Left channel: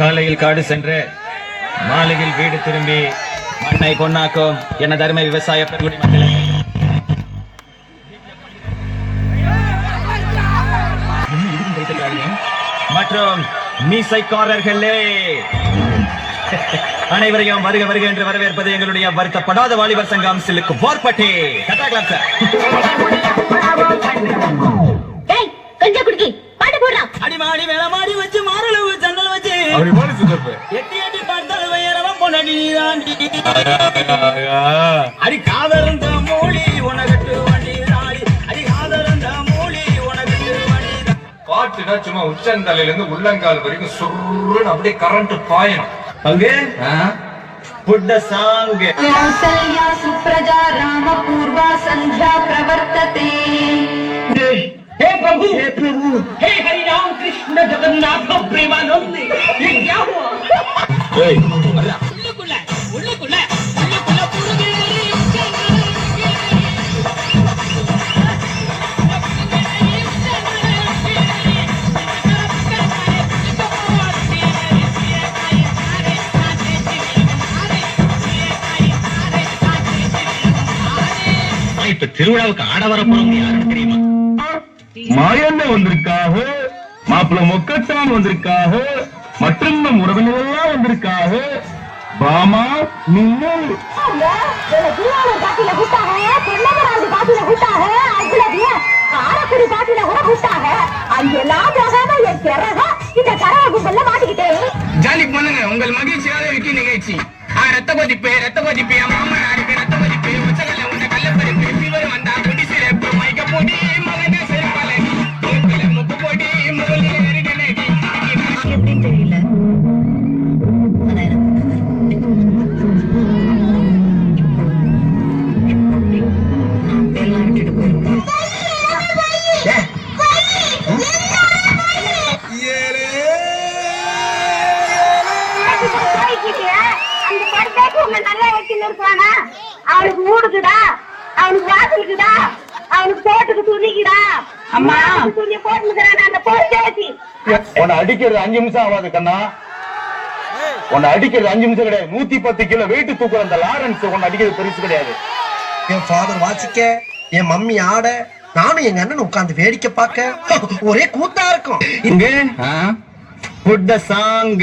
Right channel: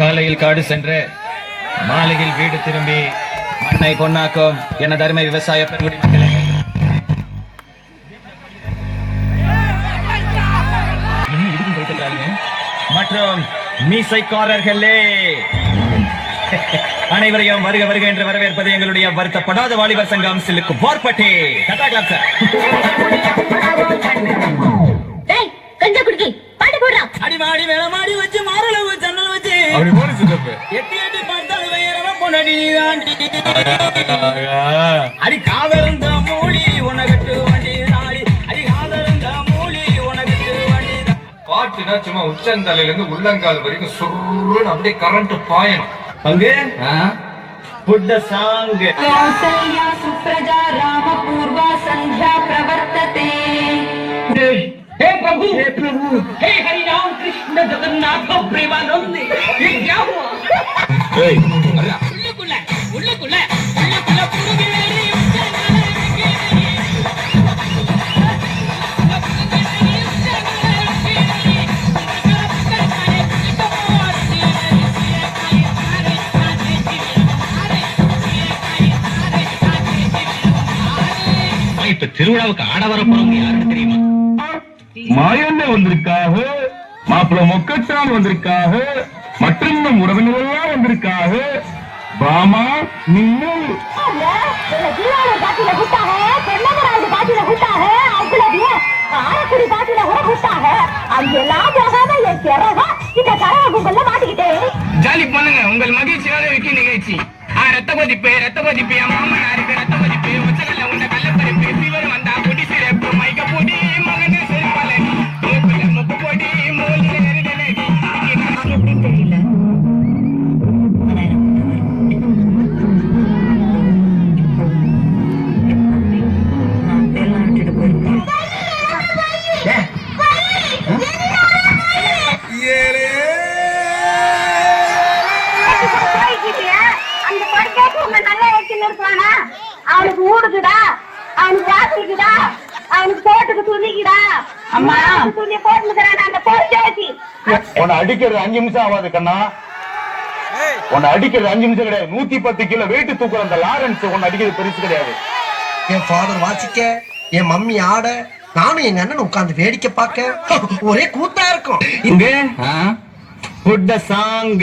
காலையில் காடு சென்று மாலையில் வீடு திரும்பி மண்ணை பொன்னாக்கும் என தர்ம விவசாய பெருங்குடி மக்களே, மற்றும் மீசைக்காரர்களே, அனைவரையும் வருக வருக என்று வரவேற்பது எங்களுடைய வருத்தப்படாத வாலிபர் சங்கம் சிலுக்கு போர்பட்டி. அடிமாடி மேலமாடி வச்சு மாரளவு சன்னல் வச்சு எட்டி எட்டி பார்த்தாலும் வேறவன் பொண்ணி அடி காதலந்த மூலி உனகட்டு வண்டி நாடி அடி காதலந்த மூலி உனகட்டு வண்டி. பாட்டுனா சும்மா உச்சந்தலையில இருந்து உள்ளங்கால் வரைக்கும் சுருன்னு அப்படியே கரண்ட் பாயணும். அங்கே புட்ட சாங் सुप्रजा राम पूर्वा संध्या प्रवर्तते. हे प्रभु हे हरि राम कृष्ण जगन्नाथ प्रेमानंद, ये क्या हुआ? இப்ப திருவிழாவுக்கு ஆட வரப்போறவங்க யாருன்னு தெரியுமா? மாயண்ண வந்திருக்காக, மாப்பிள்ள மொக்கச்சான் வந்திருக்காக, மற்றும் நம் உறவினர்கள்லாம் வந்திருக்காக. பாமா நீங்கள் ஜாலி பண்ணுங்க உங்கள் மகிழ்ச்சியாக இருக்கு நிகழ்ச்சி. ரத்த பதிப்பு மாமனாருக்கு ரத்த பதிப்பு உச்சகல்ல உண்ட கல்லப்பறிப்பு ஃபீவர் வந்தா குடி சிறப்பு மைக்க போடி மகனே சிறப்பாலடி முக்கு போடி மூலி எரிடனடி. எப்படின்னு தெரியல. அவனுக்கு ஊடுக்குடா, அவனுக்கு வாசலுக்குடா, அவனுக்கு போட்டுக்கு துணிக்குடா, அம்மா துணிய போட்டுக்கிறான் அந்த பொறுச்சி. உன்னை அடிக்கிறது 5 நிமிஷம் ஆகாது கண்ணா. உன்னை அடிக்கிறது 5 நிமிஷம் கிடையாது. 110 கிலோ வெயிட் தூக்குற அந்த லாரன்ஸ் உன்னை அடிக்கிறது பெருசு கிடையாது. என் ஃபாதர் வாசிக்க, என் மம்மி ஆட, நானும் எங்க அண்ணன் உட்கார்ந்து வேடிக்கை பார்க்க ஒரே கூத்தா இருக்கும். இங்க புட்ட சாங்